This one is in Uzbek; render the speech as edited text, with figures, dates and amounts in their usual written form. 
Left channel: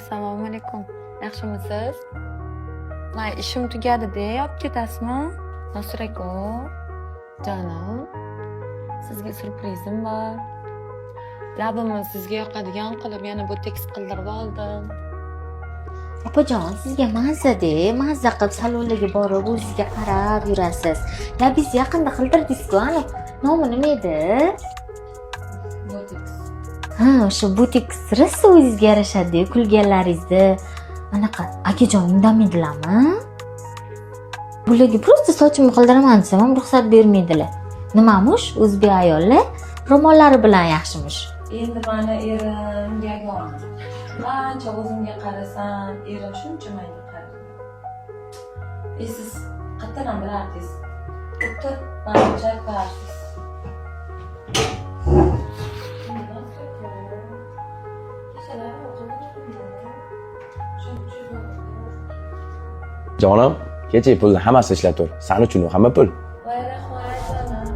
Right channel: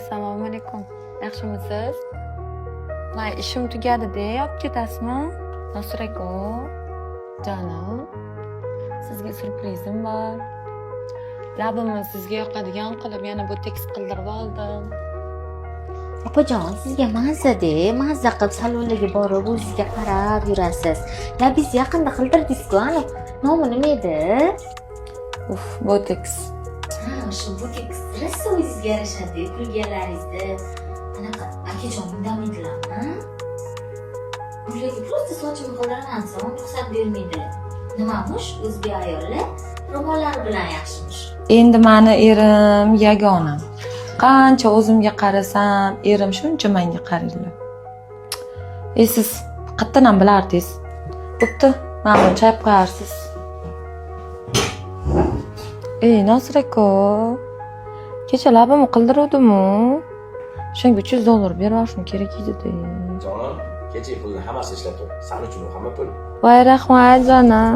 Assalomu alaykum. Yaxshimisiz? May ishim tugadi-da, olib ketasizmi? Nosir aka, jonim, sizga surprizim bor. Labimni sizga yoqadigan qilib yana boteks qildirib oldim. Opajon, sizga mazza-da, mazza qilib salonlarga borib o'zingizga qarab yurasiz. Labingizni yaqinda qildirdik-ku, ana nomi nima edi? Boteks. Ha, o'sha boteks rosa o'zingizga yarashadi, kulganlaringizni. Anaqa akajon indamadilarmi? Bularga просто sochimni qildiraman desam ham ruxsat bermaydilar. Nimamush? O'zbek ayollar ro'mollari bilan yaxshimush. Endi meni erim yagona. Qancha o'zimga qarasam, erim shuncha menga qaraydilar. Siz qayerdan bilardingiz? Bo'pti, meni chayib qo'yarsiz. Nosir aka, kecha labimni qildiruvdim-ku. Shunga $300 berib olishim kerak edi-da. Jonim, kecha pulni hammasini ishlatib tur. Sen uchun u hamma pul. Voy rahmat jonim.